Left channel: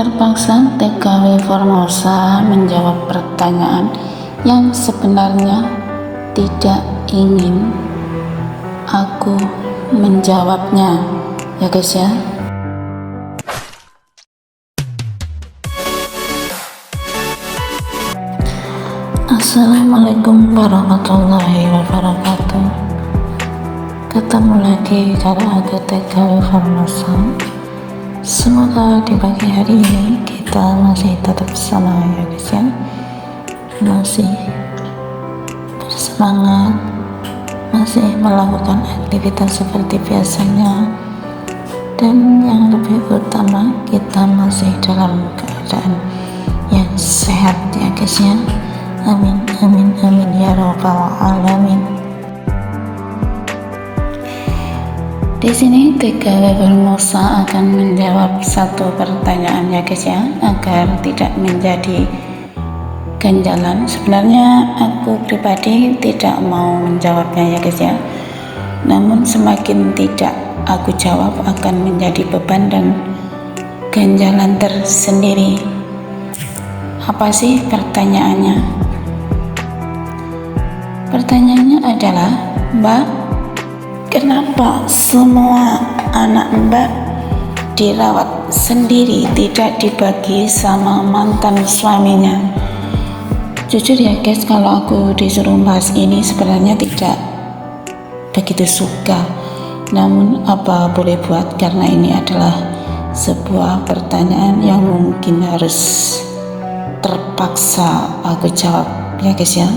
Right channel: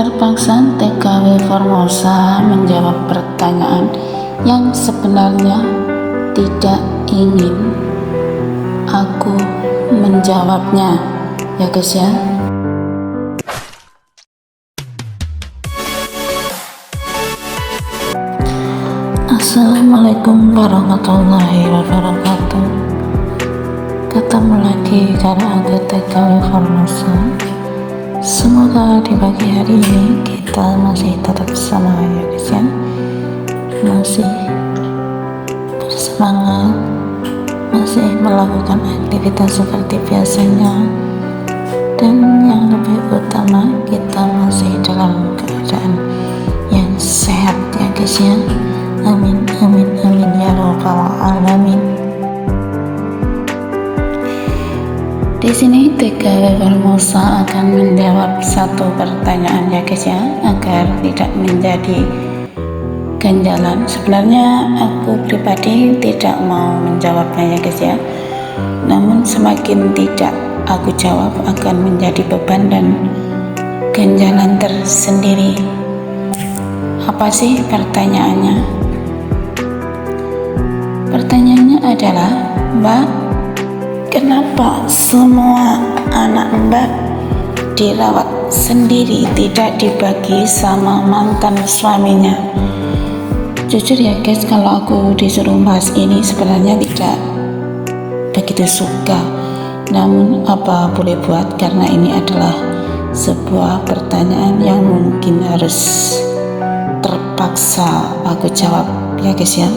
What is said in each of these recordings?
Terpaksa TKW Formosa menjawab pertanyaan yang sebenarnya tidak ingin aku menjawabnya, ya guys ya. Assalamualaikum warahmatullahi wabarakatuh. Ketemu lagi cara aku TKW Formosa. Semoga di pagi hari ini kita masih tetap sama, ya guys ya. Masih bersemangat, masih melakukan aktivitas seperti biasanya, dan yang lebih utama kita masih dalam keadaan yang sehat, ya guys ya. Amin amin amin ya rabbal alamin. Di sini TKW Formosa akan menjawab satu pertanyaan, ya guys ya, agar tidak menjadi ganjalan. Sebenarnya aku pribadi tidak mau menjawabnya, ya guys ya. Namun semakin tidak aku jawab akan menjadi beban dan ganjalan tersendiri. Apa sih pertanyaannya? Pertanyaannya adalah, Mbak, kenapa semua anak Mbak dirawat sendiri, tidak dibagi sama mantan suaminya? Jujur ya guys, kalau aku disuruh bahas ini sebenarnya tidak begitu suka. Namun apa boleh buat, karena ini adalah sebuah pertanyaan yang mungkin harus terpaksa aku jawab, ya guys ya.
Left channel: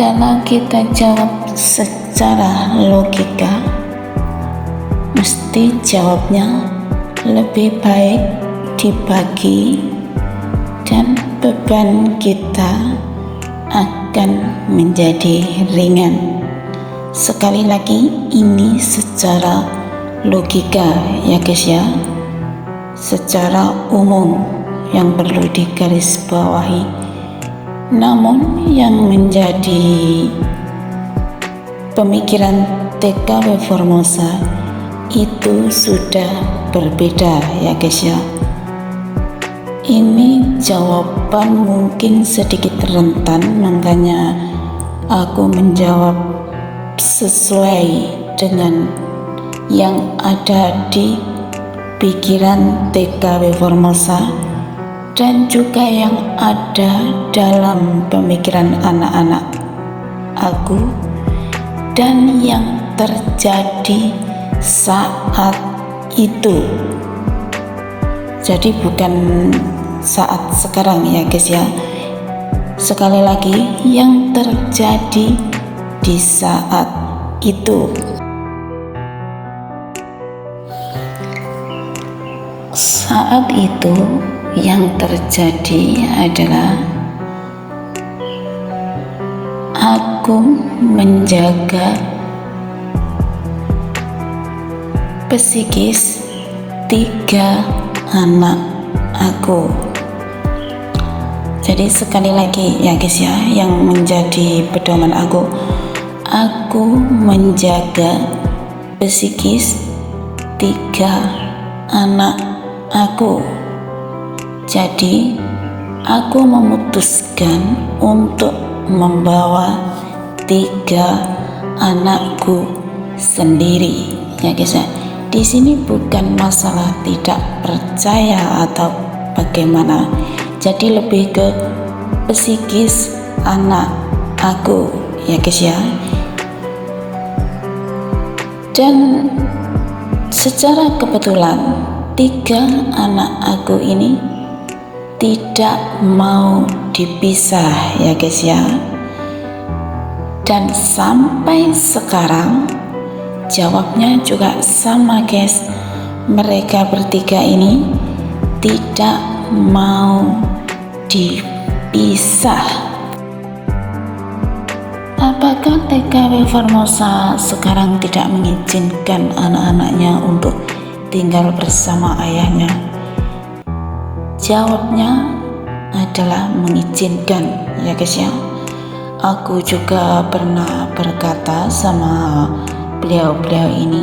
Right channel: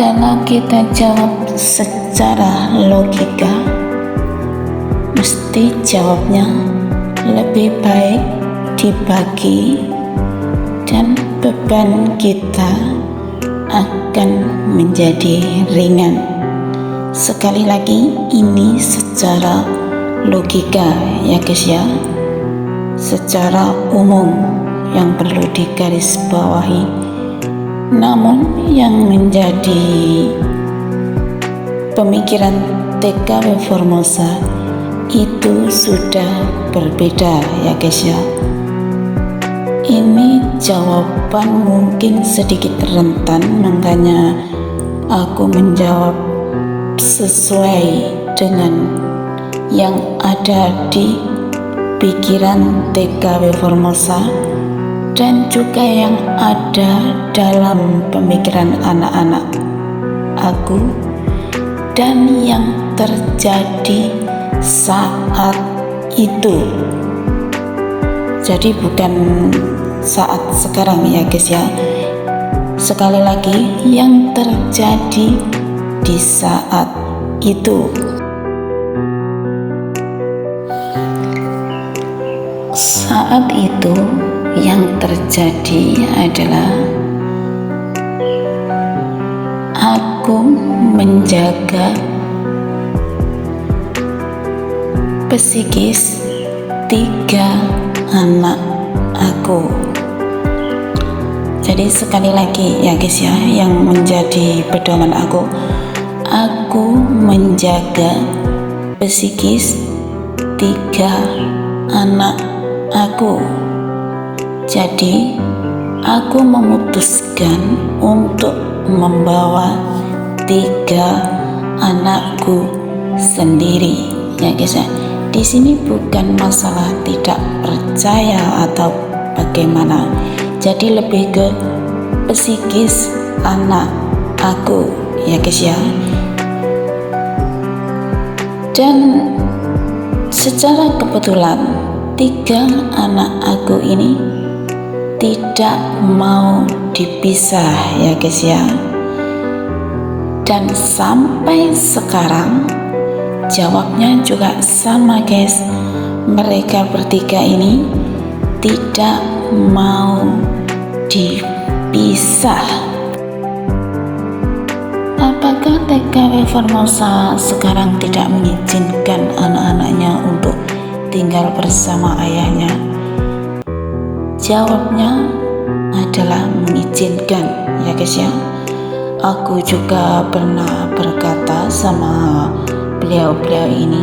Karena kita jawab secara logika, mesti jawabnya lebih baik dibagi dan beban kita akan menjadi ringan. Sekali lagi, ini secara logika, ya guys ya, secara umum yang perlu digarisbawahi. Namun yang menjadi pemikiran TKW Formosa itu sudah berbeda, ya guys ya. Ini jawaban mungkin sedikit rentan, makanya aku menjawab sesuai dengan yang ada di pikiran TKW Formosa dan juga yang ada dalam pemikiran anak-anak aku dan yang terjadi saat itu. Jadi bukan saat sekarang, ya guys ya. Sekali lagi, yang terjadi di saat itu. Saat itu yang terjadi adalah aku menjaga psikis 3 anak aku. Jadi sekali lagi ya guys ya, yang menjadi pedoman aku menjaga psikis 3 anak aku. Jadi aku memutuskan untuk membawa 3 anakku sendiri, ya guys ya. Di sini bukan masalah tidak percaya atau bagaimana. Jadi lebih ke psikis anak aku, ya guys ya. Dan secara kebetulan 3 anak aku ini tidak mau dipisah, ya guys ya. Dan sampai sekarang jawabnya juga sama guys. Mereka bertiga ini tidak mau dipisah. Apakah TKW Formosa sekarang tidak mengizinkan anak-anaknya untuk tinggal bersama ayahnya? Jawabnya adalah mengizinkan, ya guys ya. Aku juga pernah berkata sama beliau-beliau ini,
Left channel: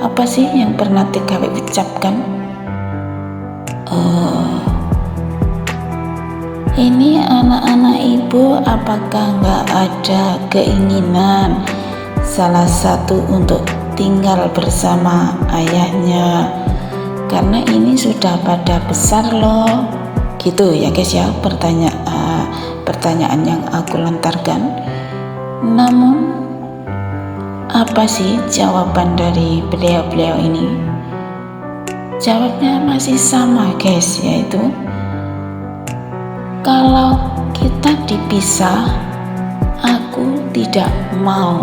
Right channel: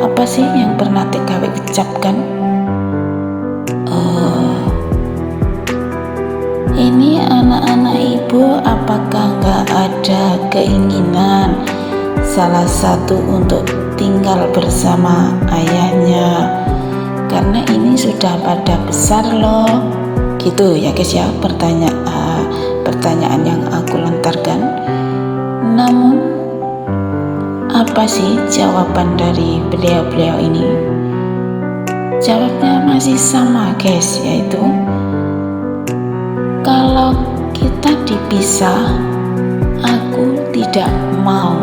Apa sih yang pernah TKW ucapkan? Oh, ini anak-anak ibu, apakah nggak ada keinginan salah satu untuk tinggal bersama ayahnya? Karena ini sudah pada besar loh. Gitu ya guys ya, pertanyaan yang aku lontarkan. Namun apa sih jawaban dari beliau-beliau ini? Jawabnya masih sama guys, yaitu kalau kita dipisah, aku tidak mau.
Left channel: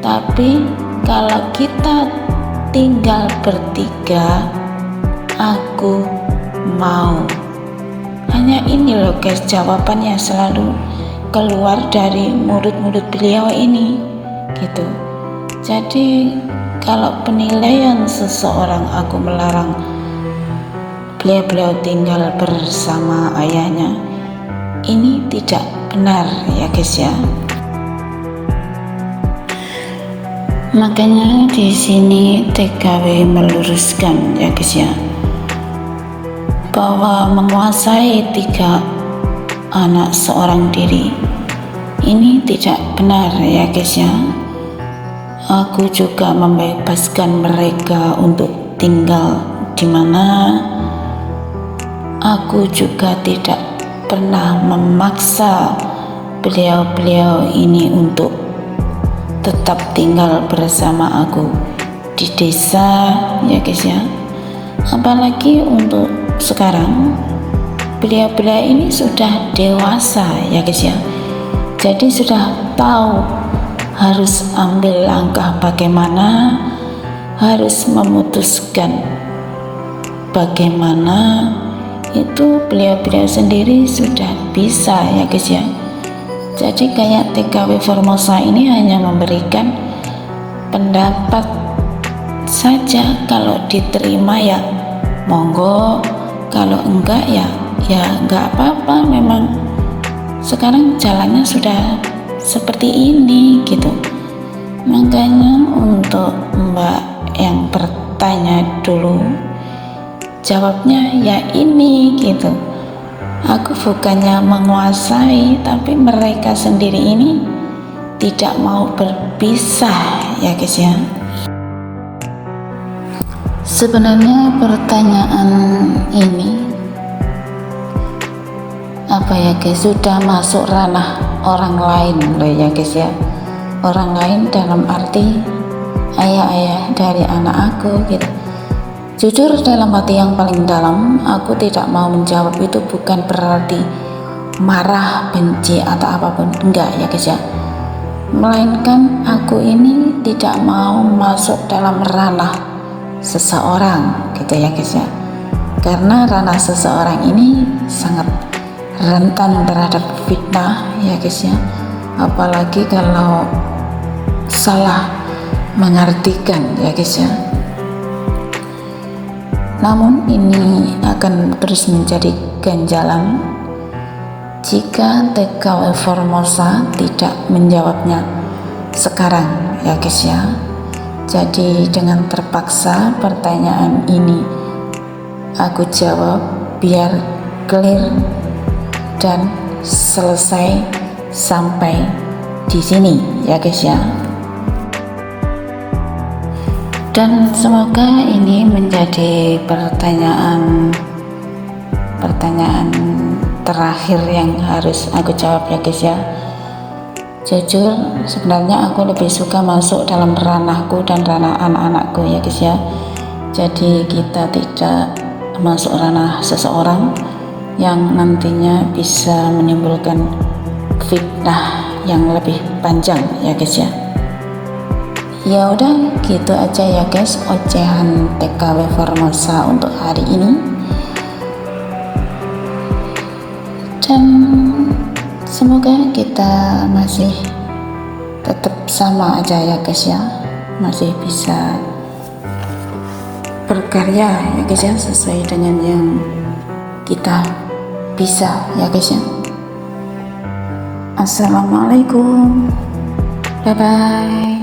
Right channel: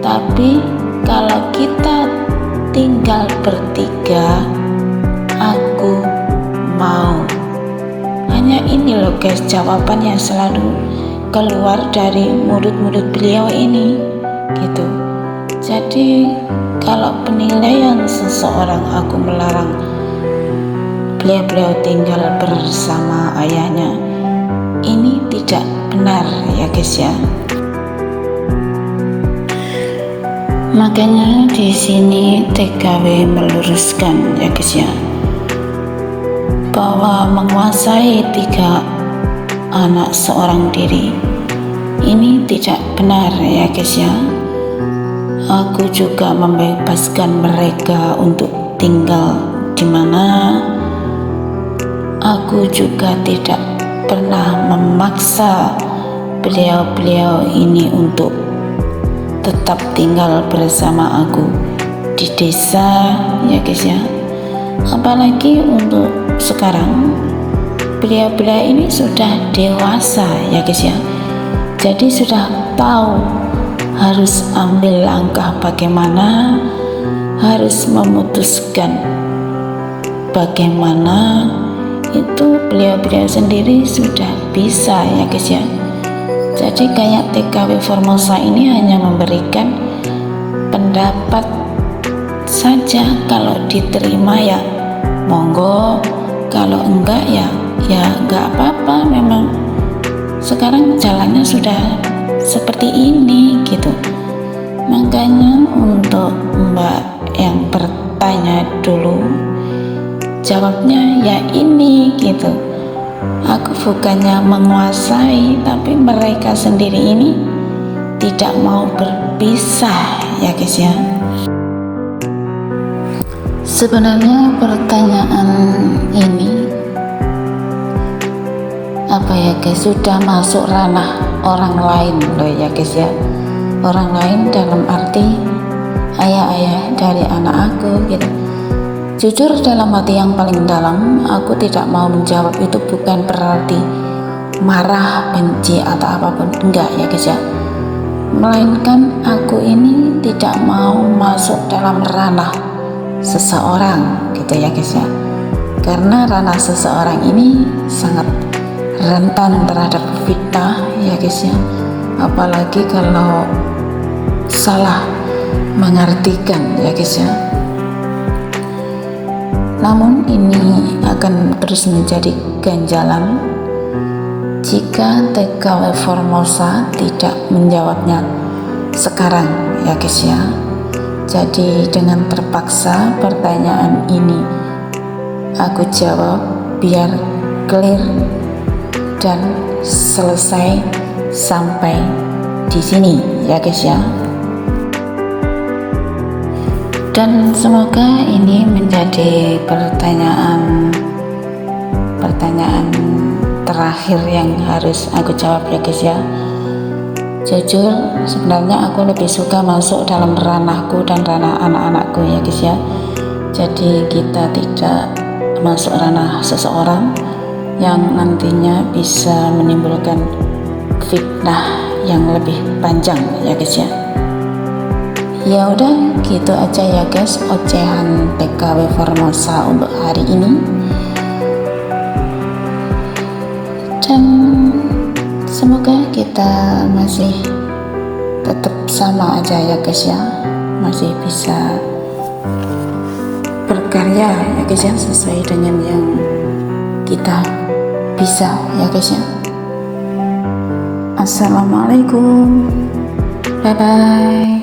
Tapi kalau kita tinggal bertiga, aku mau. Hanya ini loh guys jawabannya selalu keluar dari mulut-mulut beliau ini gitu. Jadi kalau penilaian seseorang aku melarang beliau-beliau tinggal bersama ayahnya, ini tidak benar ya guys ya. Makanya di sini TKW meluruskan ya guys ya, bahwa menguasai 3 anak seorang diri ini tidak benar ya guys ya. Aku juga membebaskan mereka untuk tinggal di mana. Aku juga tidak pernah memaksa beliau-beliau ini untuk tetap tinggal bersama aku di desa ya guys ya. Apalagi untuk sekarang beliau-beliau ini sudah dewasa ya guys ya. Jadi sudah tahu harus ambil langkah bagaimana, harus memutuskan bagaimana, itu beliau-beliau sendiri sudah bisa ya guys ya. Jadi kayak TKW Formosa ini hanya memberikan pendapat saja, kalau diterima ya monggo, kalau enggak ya enggak apa-apa. Memang sekarang jalannya sudah seperti ini gitu. Makanya untuk Mbak yang bertanya dulu, jawabnya ya ini gitu. Aku bukannya menguasai, tapi mereka sendiri ini tidak mau berpisah ya guys ya. Sebenarnya pertanyaan ini apa ya guys, sudah masuk ranah orang lain loh ya guys ya. Orang lain dalam arti ayah-ayah dari anak aku gitu. Jujur dalam hati yang paling dalam, aku tidak mau menjawab itu bukan berarti marah, benci atau apapun, enggak ya guys ya. Melainkan aku ini tidak mau masuk dalam ranah seseorang gitu ya guys ya. Karena ranah seseorang ini sangat rentan terhadap fitnah ya guys ya. Apalagi kalau salah mengartikan ya guys ya. Namun ini akan terus menjadi ganjalan jika TKW Formosa tidak menjawabnya sekarang ya guys ya. Jadi dengan terpaksa pertanyaan ini aku jawab biar clear dan selesai sampai di sini ya guys ya. Dan semoga ini menjadi pertanyaan terakhir yang harus aku jawab ya guys ya. Jujur sebenarnya aku lebih suka masuk dalam ranahku dan ranah anak-anakku ya guys ya. Jadi kita tidak masuk ranah seseorang yang nantinya bisa menimbulkan fitnah yang lebih panjang ya guys ya. Ya udah gitu aja ya guys ocehan TKW Formosa untuk hari ini. Dan semoga kita masih tetap sama aja ya guys ya, masih bisa berkarya ya guys ya, sesuai dengan yang kita bisa ya guys ya. Assalamualaikum, bye bye.